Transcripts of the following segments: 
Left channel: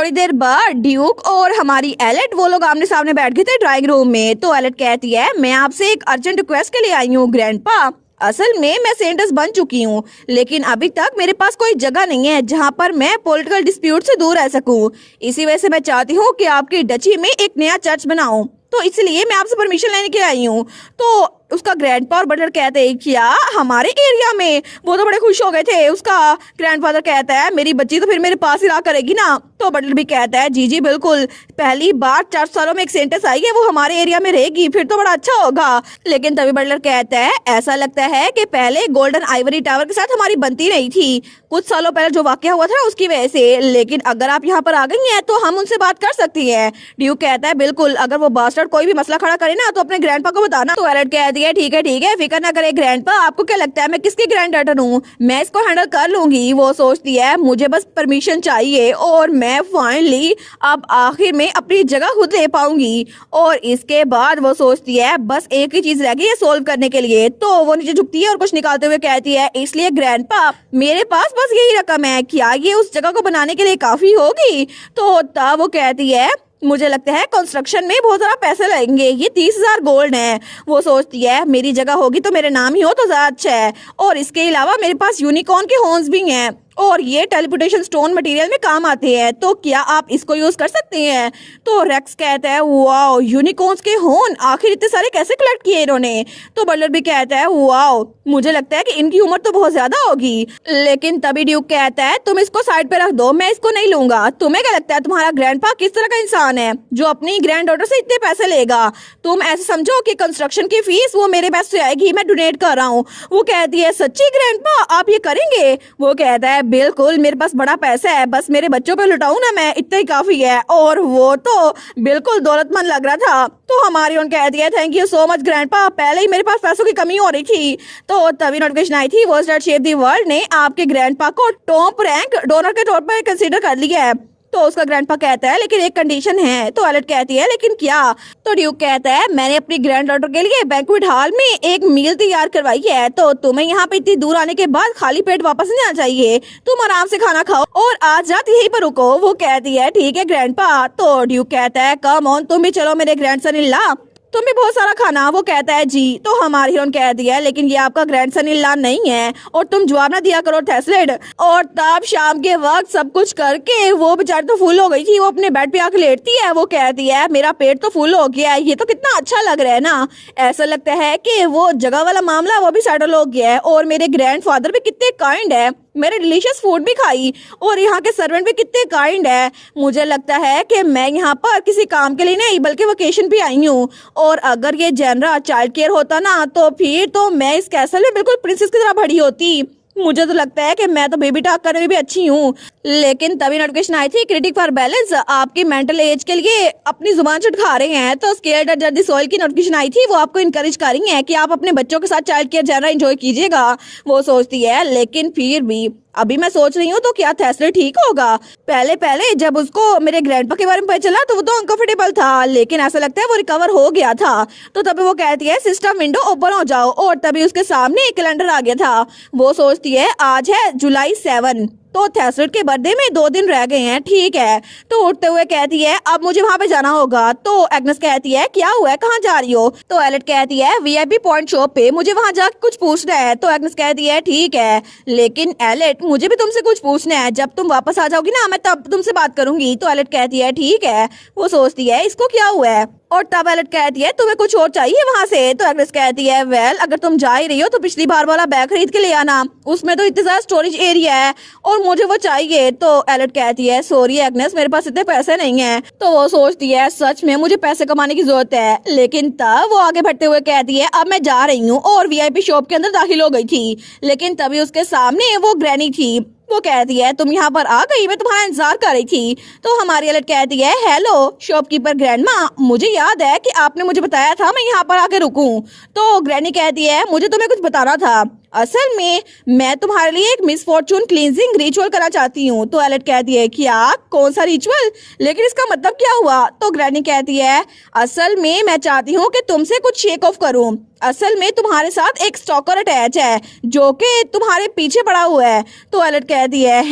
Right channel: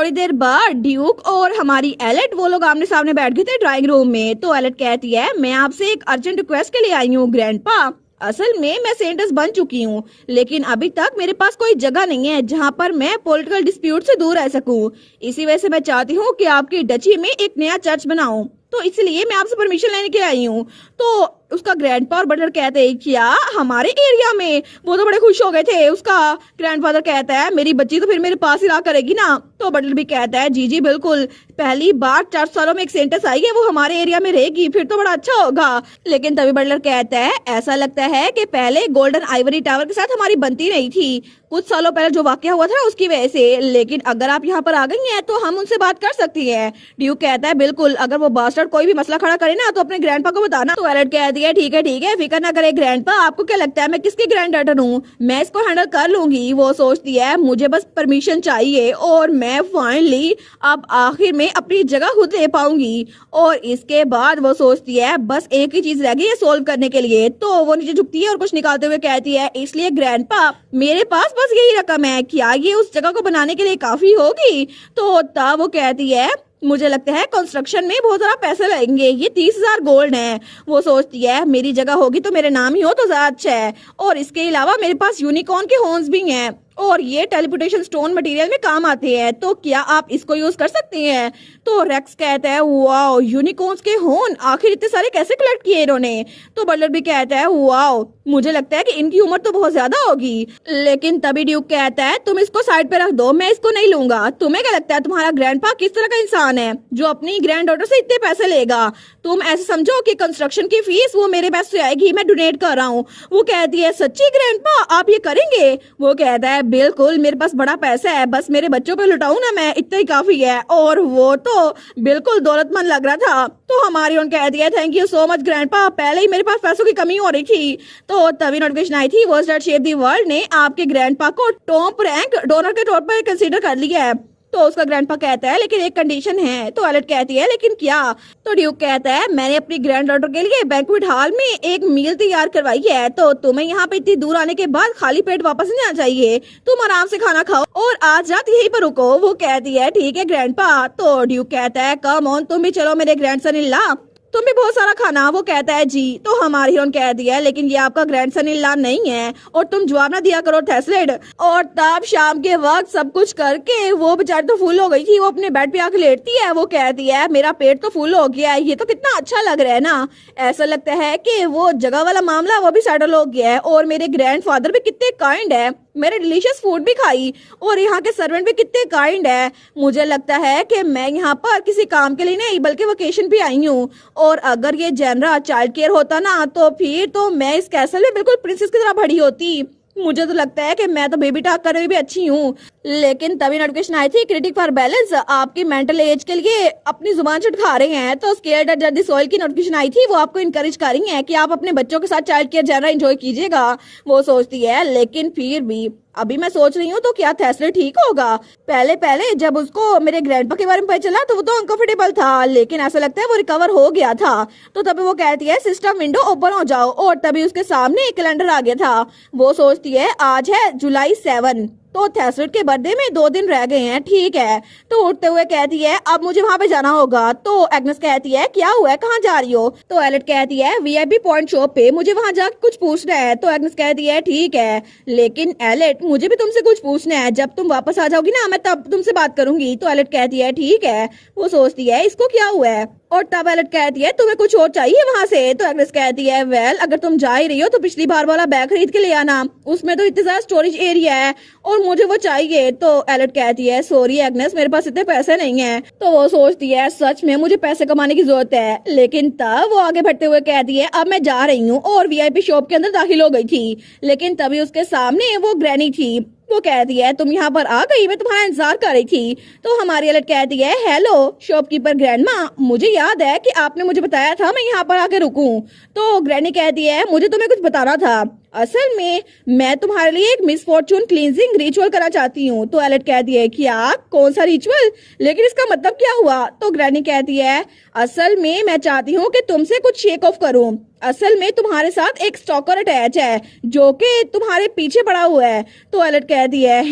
थोड़ी देर बाद ड्यूक और हमारी एलेट वो लोग आमने सामने बैठ गए थे ड्राइंग रूम में। तो एलेट कहती है मैं आपसे एक अर्जेंट रिक्वेस्ट के लिए आई हूँ ग्रैंडपा। असल में मैं सेंटस बन चुकी हूँ, लेकिन अभी तक मेरे पास कोई जगह नहीं है जहाँ पर मैं पॉलिटिकल डिस्प्यूट से दूर रह सकूँ। इसी वजह से मैं चाहती हूँ कि आपकी डची में एक नया चर्च बनाऊं, तो इसलिए मैं आपसे परमिशन लेने के आई हूँ। तो उसका ग्रैंडपा और बटलर कहते हैं क्या हमारे एरिया में? वो तो बड़े खुश हो गए थे। उसका ग्रैंडफादर कहता है मेरी बच्ची तो फिर मेरे पास ही रहा करेगी ना। तो बटलर भी कहता है जी जी बिल्कुल, पहली बार 4 सालों में एक सेंटेंस आई है, वो हमारे एरिया में रहेगी, फिर तो बड़ा अच्छा होगा। लेकिन तभी बटलर कहता है ऐसा लगता है कि पहले गोल्डन आइवरी टावर के साथ हमारी बनती नहीं थी, कुछ सालों पहले जो वाकया हुआ था ना उसकी वजह से। लेकिन अगर आप यहाँ पर आ गई हैं तो हम उनसे बात कर सकती है। ड्यूक कहता है बिल्कुल, अगर वो बास्टर्ड कोई भी मसला खड़ा करे ना तो अपने ग्रैंडपा को बताना। तो एलेट कहती है ठीक है फिक्र ना करे ग्रैंडपा, आपको क्या लगता है मैं किसकी ग्रैंड डॉटर हूँ, मैं इसको हैंडल कर लूंगी। वो सोचती है मुझे बस परमिशन चाहिए और मैं फाइनली अब आखिर में अपनी जगह खुद ले पाऊंगी। और इसके बाद वो सोचती है बस एक ही चीज रह गई है सोल्व करने के लिए। तो वो नीचे झुकती है और कुछ निकालते हुए कहती है इसलिए ग्रैंडपा मेरे पास बस यही रकम है, क्या ये उस जगह को बनाने के लिए काफी होगी? तो तब वो कहती है मुझे लगता है कंस्ट्रक्शन में बहुत सारा पैसे लगेंगे, ये 30,000 गोल्ड है। वो सोचती है मेरी जगह होगी तो मेरे नाम ही हो तो ज्यादा अच्छा है, और इसके अलावा मेरे पास यूनिकॉर्न के हॉर्न्स भी हैं और ये टेलीपोर्टेशन स्टोन मटेरियल में काम आते हैं, तो क्या आप इसको यूज कर सकते हैं? तो रेक्स कहता है वाओ यूनिकॉर्न्स के हॉर्न, आखिर इतने सारे कैसे कलेक्ट किए इन्होंने? तो बटलर भी कहता है वाओ मुझे लगता है कि इनकी उम्र तो बहुत ज्यादा होगी। लेकिन तभी ड्यूक कहता है तुम इसको साइड पे रख दो, मैं इसको नहीं लूंगा। तुम्हें क्या लगता है तुम्हारा ग्रैंडपा किस तरह का इंसान है जो अपनी ग्रैंड डॉटर से इतने पैसे लेगा? तुम ऐसे समझो कि कंस्ट्रक्शन की फीस वो मेरे पैसे से आएगी, मैं डोनेट कर रहा हूँ। वो कहती है सच्ची ग्रैंडपा आप ये करेंगे? वो कहता है बिल्कुल, मेरे पास बड़ा पैसा है, बस मेरे बच्चों पे लुटाऊं ना मैं, इतना ही काफी है। और वो तो बिल्कुल दौलतमंद लग रहा था। तो हमारी उन कहती है thank you so much grandpa, पहले ही मेरे पास पैसों की कमी हो रही थी। तो तभी नोटिफिकेशन आई थी world that shape the world ने आपके ग्रैंडपा को टॉप रैंक डोनर के तौर पर कंसीडर कर लिया है। तो उसका ग्रैंडपा कहता है लेकिन एक कंडीशन है। तो एलेट कहती है लेकिन क्या? तो ड्यूक कहता है मैंने अपनी ग्रैंड डॉटर के लिए बैंक्वेट हॉल में एक मील तैयार करवाई है, तो तुम्हें यहाँ पे इतनी दूर आने के बाद खाली पेट वापस नहीं आना चाहिए, तुम आराम से खाना खाओ और आज रात यहीं पर रुको। वो कहती है ठीक है ग्रैंडपा। तो ड्यूक कहता है कम ऑन तुम भी चलो मेरे ग्रैंडसन इन लॉ, तुम भी बहुत सारा खाना। वो कहता है जी। तो हमारी हीरोइन कहती है लेकिन ये आपका ग्रैंडसन इन लॉ नहीं है और तुम जवाब ना दिया करो थेस्लेड। और तब शाम के वक्त सब कुछ करके वो बेचारी तो फुल हो गई थी, वो अपने बेड पे आके लेटती है। वो कहती है मेरा पेट तो फुल हो गया है, ये तो कितना अच्छा लग रहा है ना। ऐसा लगता है कि वो जगह वाला मामला वो भी सेटल हो गया है और मेरे ग्रैंडफादर भी कितने काइंड है, मेरे डिलीशियस फूड भी खाई और यहाँ के सर्वेंट भी कितने काइंड है। मुझे लगता है कि मैं यहाँ पर किसी काम के लिए नहीं बल्कि वेकेशन पे आई हूँ, और अगर ये जनरल चाइल्ड केयर होता ना तो फिर तो मैं इस कैसल में बिल्कुल प्रिंसेस की तरह बड़ी होती। मुझे तो लगता है कि मैं तो बेबी टॉक करने में भी अच्छी हूँ। लेकिन तभी नोटिफिकेशन आई थी क्रिटिक फॉर बैलेंस आपकी मेंटल एज के लिए अपनी जुबान चटका रहे हैं। तो स्केल्ड जर्दी सोइल की नोटिफिकेशन आई थी, वो आपको इनकरेज कर रही है कि आप अपने बच्चों के साथ चाइल्ड केयर जनरल एंजॉय कीजिएगा। वो सोचती है लेकिन फिर भी अभी मैं सोच रही हूँ तो क्या थेस्ले ठीक होगा? पहले पहले जब उसको मेरे ग्रैंडपा के बारे में पता चला तो वो तो अनकंफर्टेबल था, लेकिन ऐसा लगता है वो रिकवर हो गया था। तो तभी वो कहती है सिस्टम विंडो ओपन हो जाओ, और तभी उसके सामने एक कैलेंडर आ गया था। वो सोचती है आज है जुलाई 7, तो थेस्लेट के बर्थडे में 2 दिन रह गए हैं, ठीक है। तो उठते हुए कहती है अब मुझे वहां पे जाना होगा। तो एग्नेस कहती है क्या हुआ है, कहाँ जा रही हो? तो एलेट कहती है वीआईपी पॉइंट शॉप पे, मुझे वहां जाकर कुछ पूछना है। तो एग्नेस कहती है ठीक है, लेकिन एलेट मुझे भी तुमसे कुछ पूछना है, जब तुम वापस आ जाओगी ना मैं तब तुमसे बात करूंगी। तो एलेट कहती है ठीक है। वो सोचती है इसको क्या हुआ है, और तब एलेट कहती है तुम्हें कुछ और चाहिए वहां से? तो एग्नेस कहती है वेल अगर तुम जा ही रही हो तो पिछली बार वाला बैग खरीद के ले आना, उसमें तो इतना ज्यादा स्टोरेज एरिया है और मुझे वो चाहिए। तो एलेट कहती है सॉरी एग्नेस मेरे पास इतने पैसे नहीं है। तो वो सोचती है सच में मुझे पैसे कमाने की जरूरत है, लेकिन तब वो आगे बढ़ते हुए कहती है अब मैं जा रही हूँ, और वीआईपी शॉप के अंदर दाखिल हो गई थी। लेकिन तभी उसके सामने वो ग्रैनी थी। वो कहती है तुम यहाँ पर आ गई, मैं तुम्हारा इंतजार कर रही थी। तो हमारी एलेट कहती है हेलो शॉपकीपर ग्रैंडमा, मुझे याद है कि आपने मुझे बताया था मैं यहाँ पर आके रुकूं। तो ग्रैनी कहती है मुझे तुम्हें कुछ बताना था, असल में मैं तुम्हारे लिए एक मिस फॉर्चून क्लींजिंग रिचुअल करना चाहती हूँ। तो एलेट कहती है क्या, कौन सा रिचुअल, लेकिन इसका मतलब क्या हुआ? तो ग्रैनी कहती है असल में मैं चाहती हूँ कि तुमसे कुछ शेक ऑफ करूँ। असल में तुम्हारे साथ एक स्टॉकर अटैच है जो कि तुम्हारे पीछे पड़ा हुआ है। तो एलेट कहती है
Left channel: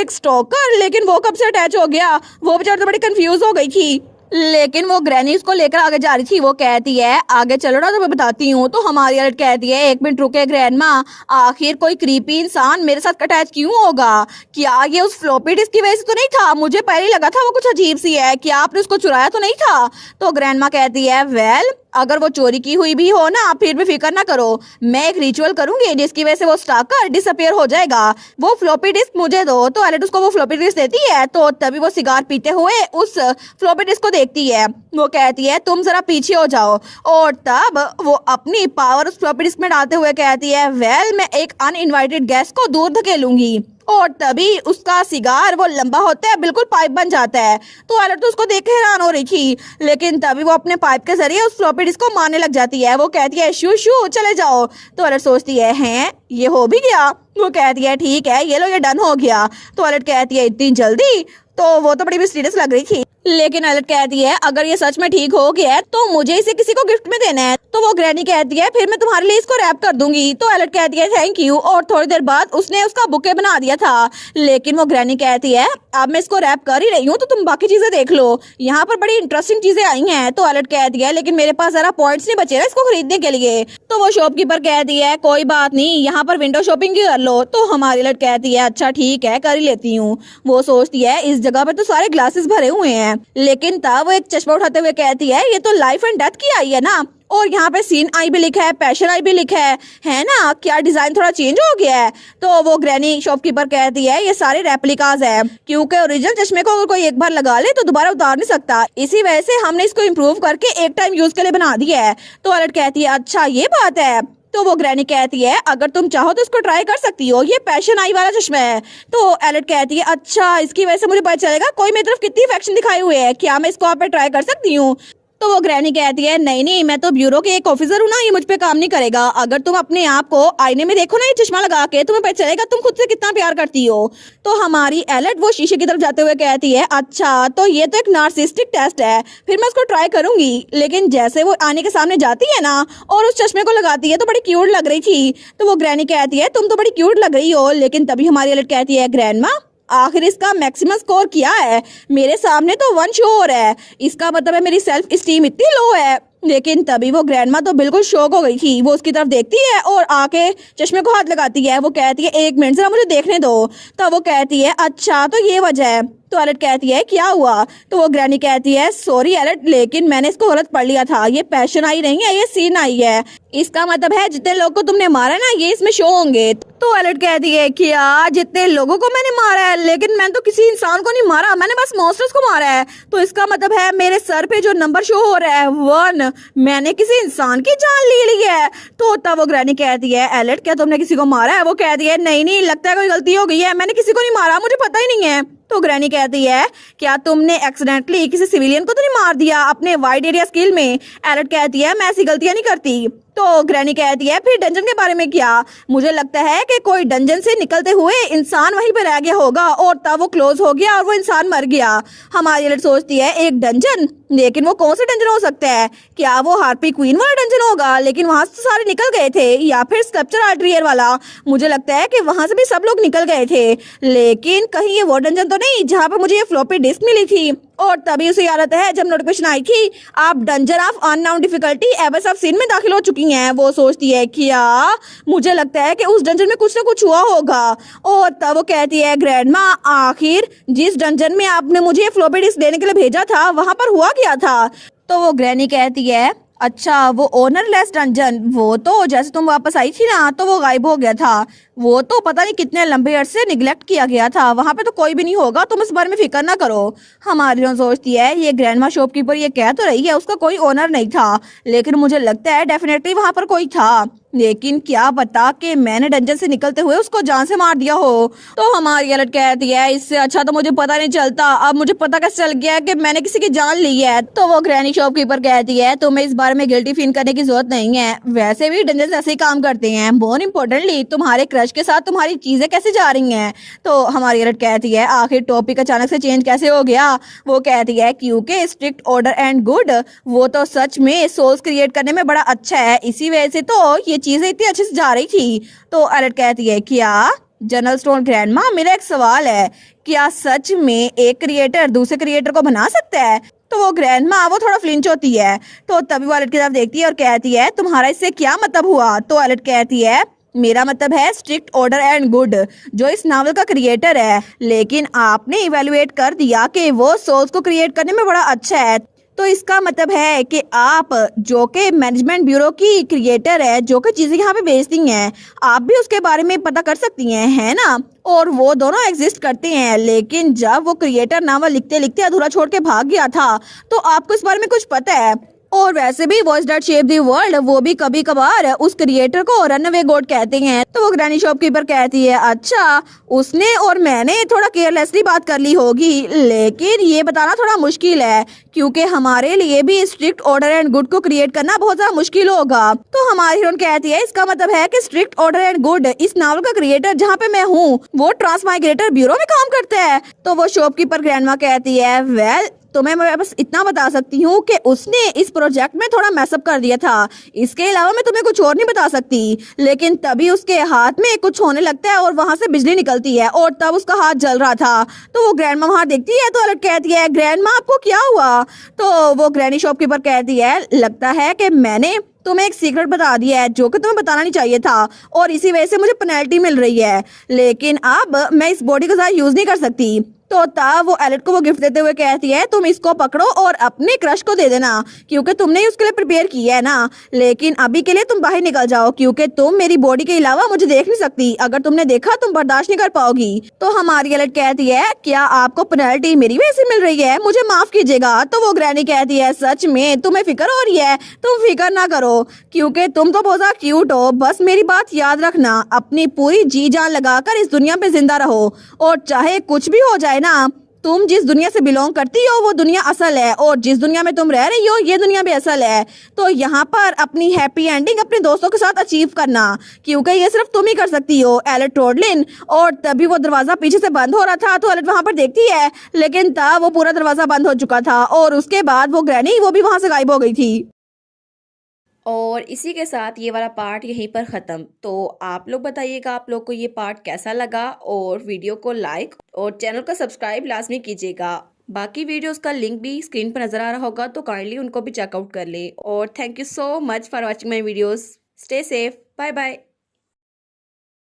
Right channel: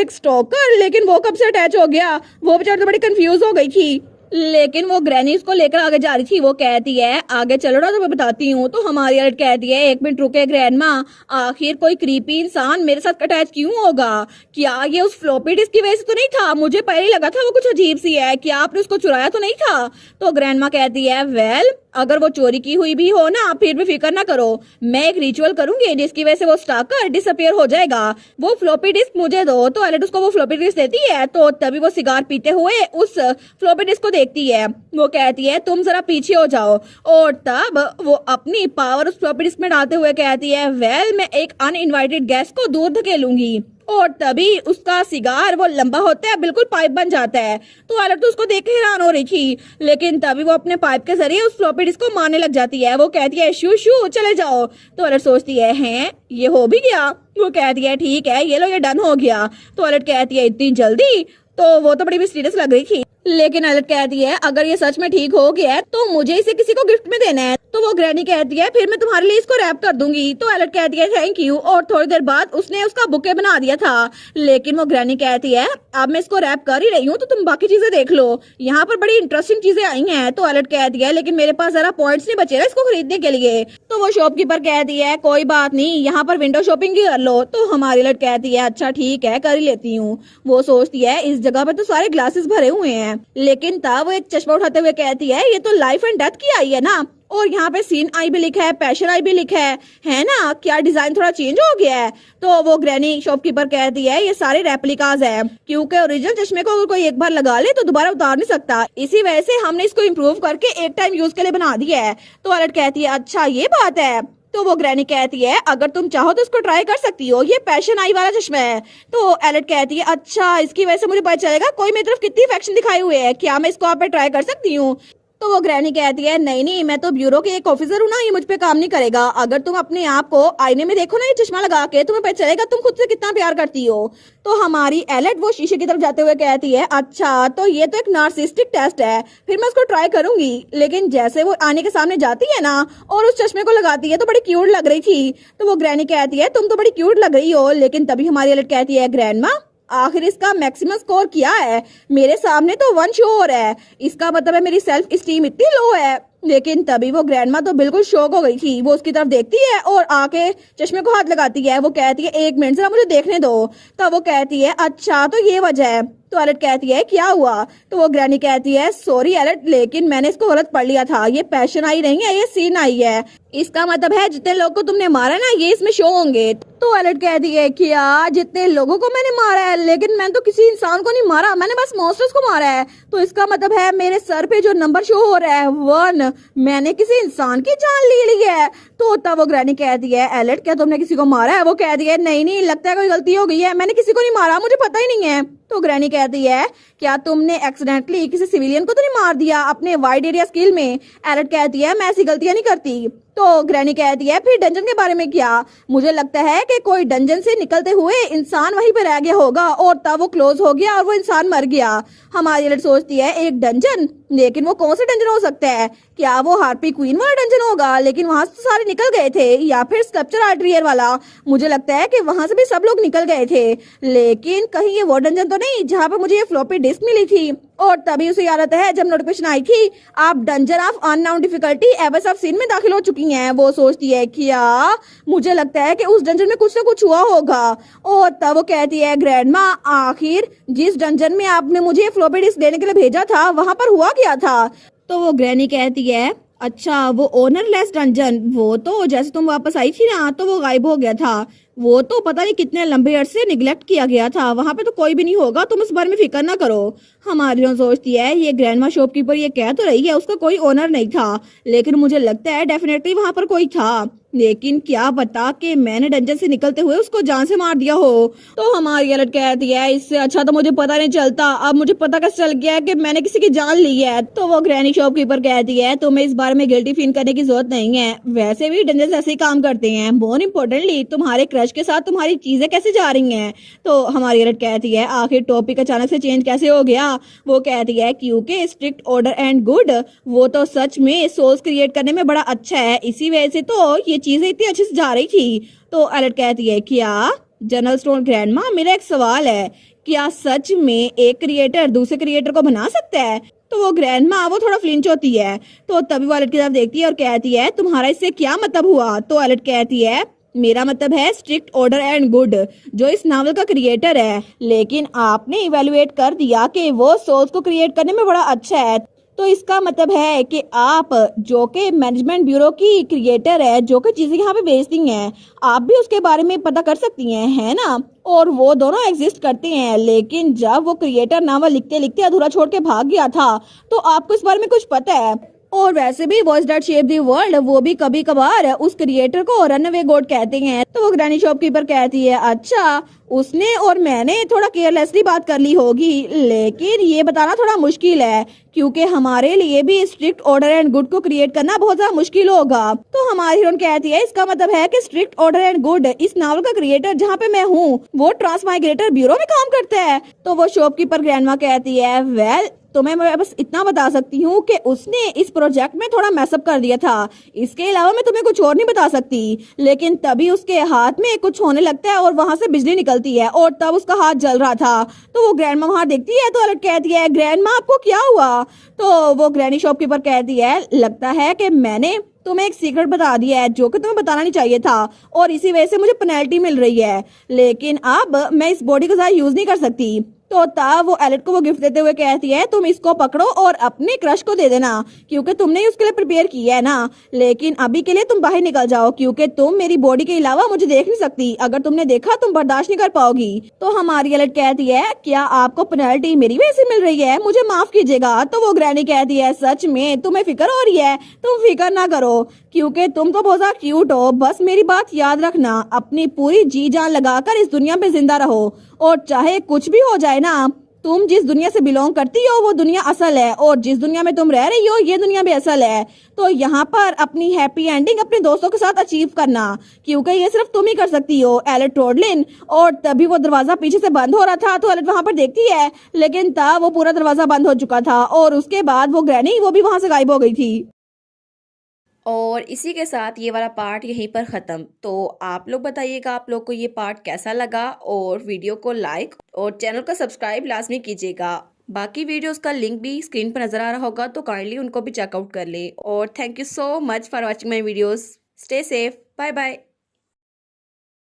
एक स्टॉकर, लेकिन वो कब से अटैच हो गया? वो बेचारी तो बड़ी कंफ्यूज हो गई थी। लेकिन वो ग्रैनी उसको लेकर आगे जा रही थी। वो कहती है आगे चलो ना, तो मैं बताती हूँ। तो हमारी अलर्ट कहती है एक मिनट रुके ग्रैंडमा, आखिर कोई क्रीपी इंसान मेरे साथ अटैच क्यों होगा? क्या ये उस फ्लॉपी डिस्क की वजह से तो नहीं था? मुझे पहले लगा था वो कुछ अजीब सी है, क्या आपने उसको चुराया तो नहीं था? तो ग्रैंडमा कहती है वेल, अगर वो चोरी की हुई भी हो ना, फिर भी फिक्र ना करो, मैं एक रिचुअल करूंगी जिसकी वजह से वो स्टाकर डिसअपियर हो जाएगा। वो फ्लॉपी डिस्क मुझे दो। तो एलेट उसको वो फ्लॉपी डिस्क देती है। तो तभी वो सिगार पीते हुए उस फ्लॉपी डिस्क को देखती है। वो कहती है तुम जरा पीछे हो जाओ, और तब वो अपनी पावर उस फ्लॉपी डिस्क में डालते हुए कहती है वेल, मैं एक अनइनवाइटेड गेस्ट को दूर धकेलूंगी। और तभी उसका सिगार वो लंबा होता है, बिल्कुल पाइप बन जाता है। तो एलेट तो उसको देख के हैरान हो रही थी, लेकिन तभी वो अपने पाइप के जरिए उस फ्लॉपी डिस्क को मारने लग जाती है। वो कहती है शू शू चले जाओ। तो एलेट सोचती है हैं ये हो भी गया? वो कहती है ठीक है ये लो, ये डन हो गया। तो एलेट कहती है इतनी जल्दी? तो वो तो बड़ी मिस्टीरियस लग रही थी। लेकिन एलेट कहती है अगर ये सच में ठीक हो गया है तो मुझे इसे किसी को गिफ्ट में देना है। तो वो ग्रैनी कहती है फिर मैं तुम्हारे लिए इसको रैप कर दूंगी। तो एलेट कहती है थैंक यू, और थोड़ी देर बाद उसने उसका बुके बना दिया था। लेकिन वो ग्रैनी कहती है अब मैं इसको रैप कर ही रही हूँ, तो तुम बाकी चीजें देख लो, यहाँ पर बड़ी इंटरेस्टिंग चीजें आई हैं। तो एलेट कहती है लेकिन मेरे पास जरा पॉइंट्स नहीं बचे ना इसको खरीदने के लिए। तो वो शॉपकीपर कहती है कोई बात नहीं, यहाँ पर विंडो शॉपिंग ही कर लो। तो हमारी एलेट कहती है अच्छा ठीक है कर ही लेती हूँ। वो सोचती है इस जगह पे तो सारे ग्लासेस भरे हुए हैं, लेकिन तब वो एक चश्मा उठाते हुए कहती है ये तो लाइफ एंड डेथ की आई है ना, और यहाँ पे सीन आई भी लिखा है, पैशन आई भी लिखा है ना? क्या डिजाइन थोड़ा चेंज हो गया है? तो वो ग्रैनी शॉपकीपर कहती है ये सारे रेप्लिकाज है, क्योंकि ओरिजिनल चश्मे को अगर कोई एक बार लगा ले तो दोबारा उतार नहीं सकता, इसी वजह से हमने इसको इम्प्रूव करके एक टाइम यूज के लिए बना दिया है। तो एलेट कहती है अच्छा ये बात है। तो वो ग्रैनी कहती है अगर तुम चाहो तो इसको ट्राई कर सकती हो, ये पैशन आई वाला चश्मा है। तो एलेट कहती है अच्छा इसकी वजह से मुझे पता चलेगा कोई मेरी तरफ कितनी अफेक्शन दिखाए हुए है, क्या मैं इसको आप पे ट्राई कर सकती हूँ? तो वो ग्रैनी कहती है नहीं नहीं, मैं तो ब्यूरो के एक ऑफिसर हूँ ना, ये मुझ पे काम नहीं करेगा। अगर तुम अपने आप को आईने में देखो ना ये चश्मा लगा के, तुम्हें पता चलेगा तुम खुद से कितना प्यार करती हो। तो हमारी एलेट वो शीशे की तरफ जाते हुए कहती है अच्छा तो ये तो एक नार्सिस्टिक टेस्ट है, फिर मैं उसको ट्राई करूंगी। लेकिन जैसे वो आने के सामने जाती है ना और उस चश्मे को लगाती है तो बड़ी क्यूट लग रही थी। तो वो ग्रैनी कहती है तुम तो बड़ी क्यूट लग रही हो। लेकिन तभी हमारी एलेट कहती है ग्रैंडमा आखिर इसका मैक्सिमम स्कोर क्या है? मेरे सामने तो 1 शो हो रहा है, इसका मतलब है मेरी सेल्फ स्टीम इतनी लो है। लेकिन तभी वो ग्रैंडमा तो बिल्कुल शॉक हो गई थी। वो उसकी तरफ देखती है और आके चश्मे को हाथ लगाती है। वो कहती है एक मिनट जरा मुझे देखने दो। तो वो कहती है अच्छा तो ये वजह है। तो एलेट कहती है क्या हुआ? तो वो ग्रैनी कहती है सॉरी एलेट, लेकिन मैंने इसको गलत पढ़ लिया था, ये पैशन आई नहीं है, ये सीन आई है। इसका मतलब है जितने लोगों को तुमने मारा ना ये इसमें शो होंगे। तो एलेट कहती है क्या जितने लोगों को मैंने मारा है? लेकिन मैंने तो किसी इंसान को नहीं मारा, मैंने बस मॉन्स्टर्स को मारा है। तो इसका मतलब है मेरे सर पे जो नंबर शो हो रहा है 1, मैंने किसी इंसान की जान ले ली है। तो तब वो ग्रैनी कहती है एलेट क्या तुमने किसी को मारा है? वो कहती है नहीं नहीं, लगता है कोई गलती हो गई है, मैंने किसी को नहीं मारा, मुझे पता ही नहीं है। तो ग्रैनी कहती है क्या तुमने एक्सीडेंटली किसी सिविलियन को तो नहीं मार दिया अपने वाइड एरिया स्किल में? एलेट कहती है मैं ऐसी गलतियां नहीं करती। तो ग्रैनी कहती है फिर डंजन के बारे में क्या? मुझे लगता है कि कोई डंजन से निकलते हुए इंसान वहीं पे रह गया होगा और तब वो क्लोज हो गया और वो इंसान मर गया। हमारी एलेट सोचती है एक डंजन, लेकिन वो कौन सा डंजन हो सकता है? क्या वो हार्पी क्वीन वाला डंजन होगा? लेकिन वहां से सारे निकल गए थे, या फिर स्कल्पचर आर्ट्रियर वाला? मुझे लगता है कि वहां से भी सब लोग निकल गए थे। लेकिन कहीं ये वो डंजन तो नहीं जहाँ पे मुझे ये फ्लॉपी डिस्क मिली थी? और तभी उसे याद आता है जब नोटिफिकेशन आई थी आप dungeon of unknown difficulty abyss of sin में दाखिल हो चुकी हैं। वो सोचती है क्या मुझे लगता है कि उस डंजन में कुछ ना कुछ हुआ होगा। और तब वो कहती है ग्रैंडमा आखिर जिस डंजन में आपने मुझे फ्लॉपी डिस्क देने के लिए भेजा था वहां पर हुआ क्या था? तो वो ग्रैनी कहती है अच्छा वो ओनरलेस डंजन, वो तो जैसे तुम वापस आई थी ना तो वो गायब हो गया था, वो तो पता नहीं कितने लंबे अरसे निगलेक्ट किया गया था, वहां पे तो कोई भी नहीं होगा, तुम इस बारे में फिक्र ना करो। हमारी सोचती है ये ग्रैंडमा शॉपकीपर ये कह तो रही है उसका कोई ओनर नहीं था, लेकिन मुझे लगता है डेफिनेटली वहां पर कोई था, लेकिन क्या पता कि मैंने डंजन से निकलते हुए उसको जान से मार दिया हो। तो हमारी एलेट कहती है इससे अच्छा तो मुझे पता नहीं चलता, अब मुझे पता कैसे चल गया कि मैंने किसी की जान ली है। तो वो ग्रैनी शॉपकीपर कहती है तुम्हें इस बारे में गिल्टी फील करने की जरूरत नहीं है, वैसे भी डंजन ऐसे ही काम करते हैं, मोर इम्पोर्टेंटली तुम्हारे क्रश के साथ तुम्हारी चीजें कैसे जा रही हैं। तो हमारी एलेट कहती है आखिर टॉपिक अचानक से चेंज कैसे हो गया? वो कहती है क्योंकि स्ट्रिक्ट ऑर्डर एंड गुड वो तो सच में सोल्स क्रिएट करने में बड़ा अच्छा है, इसी वजह से तो ये चीजें इतनी अच्छे से जा रही थी। तो एलेट कहती है क्या जनरल स्टोर ग्रैंडमा, मेरा एक सवाल है, क्या सच में एक क्रिएटर दूसरे क्रिएटर को बना सकता है? तो वो ग्रैंडमा वो थोड़ा फ्लिंच होती है, तो तभी वो एलेट की तरफ देखती है और कहती है तुम्हारा इससे क्या मतलब हुआ? तो एलेट कहती है मेरा मतलब है स्ट्रिक्ट ऑर्डर एंड गुड, जो इस नावल का क्रिएटर है, लेकिन आपने इवेलुएट कर दिया कि वो सोल्स को क्रिएट करने में बड़ा अच्छा है, तो इसका मतलब है कि आप जो कि मैनेजमेंट ब्यूरो की क्रिएटर है, जो कि चीजें यहाँ पे बेचती हैं, आप भी उसके बारे में पता कर सकती हैं, है ना? और वो दोनों एग्जिस्ट करते हैं, लेकिन जब वो क्रिएटर नावल लिखते लिखते अधूरा छोड़ के भाग गया था, तो आपको इस बारे में कुछ पता है? और वैसे भी voice that shape the world वो भी कभी कभार उस क्रिएटर को रनअवे गॉड कहते हैं। तो वो ग्रैनी शॉपकीपर कहती है अच्छा, उसने और मैंने थोड़ा केयरलेसली बात कर ली होगी, लेकिन ये बताना थोड़ा मुश्किल है, क्योंकि हमारे लिए भी स्ट्रिक्ट ऑर्डर एंड गुड को क्रिएट करना बहुत ज्यादा मुश्किल होगा। तो हमारी हीरोइन कहती है इसका मतलब है कि स्ट्रिक्ट ऑर्डर एंड गुड इस नावल का क्रिएटर जहाँ पे मैं हूँ वो ट्रांसमाइग्रेटर ब्यूरो में काम करता है। तो वो शॉपकीपर ग्रैंडमा कहती है वेल, तो मैं बस इतना बता सकती हूँ कि उसने इस प्रोजेक्ट में थोड़ा मैसअप कर दिया था, इसके अलावा मैं तुम्हें कुछ और नहीं बता सकती। लेकिन तभी उसके हाथ में कुछ होने लगता है और वहां से बिजली निकलती है, और तब उसका हाथ जल रहा था। तो वो ग्रैंडमा वहां देखती है, तो अलर्ट कहती है ग्रैंडमा आपको क्या हुआ? तो वो ग्रैनी शॉपकीपर कहती है लगता है कि मैंने तुम्हें एक सीक्रेट बता दिया है जो कि तुम्हें बताना नहीं चाहिए था, और इसी वजह से मुझे पेनल्टी मिल रही है, लेकिन अब मैं इस बॉडी को ज्यादा यूज नहीं कर सकती। तो तब वो एलेट को वो गिफ्ट देते हुए कहती है तुम इसको पकड़ो और अपने क्रश को दे देना, क्योंकि तुमने ही उसके लिए प्रिपेयर किया है ना, लेकिन अभी के लिए तुम बाहर निकल जाओ, क्योंकि तुम मेरी बॉडी के अलावा मुझे देख नहीं सकती, अगर तुमने देखा तुम बर्दाश्त नहीं कर पाओगी। तो हमारी एलेट कहती है क्या आपको पेनल्टी मेरी वजह से मिल रही है? मुझे माफ कीजिएगा। तो वो ग्रैनी कहती है सच में तुम्हें फिक्र हो रही है? तुम फिक्र ना करो, क्योंकि तुम तो बहुत ज्यादा क्यूट हो, बस मेरी बात याद रखना, अपनी पूरी जी जान लगाकर इस दुनिया पे जिंदा रहो, और चाहे कुछ भी हो जाए ना, तुम जिस दुनिया से बिलोंग करती हो वो दुनिया असल है, और जिस दुनिया में तुम रह रही हो ये दुनिया भी असल है। तो यहाँ पर अपनी हैप्पी एंडिंग अपने दोस्तों के साथ अचीव करना, क्योंकि ये सिर्फ तुम ही कर सकती हो, एलेट रोडलिन। और तभी वो दरवाजा पीछे से बंद हो रहा था, तो एलेट वहां पर देखती है, लेकिन तब वो पूरा दरवाजा बंद हो चुका था, और उसके बाद वो ग्रैनी वो भी वहां से गायब हो गई थी। और इसी के साथ ये वाला पार्ट यहीं पर ख़त्म। तो आप लोग बताइएगा आप लोग को ये पार्ट कैसा लगा, और वीडियो को लाइक और चैनल को सब्सक्राइब लाजमी कीजिएगा। बाकी वीडियोस का लिंक भी स्क्रीन पर नज़र आ रहा होगा, तो काइंडली उनको भी चेकआउट कर ले। और thank you so much for watching my videos. Stay safe, bye bye.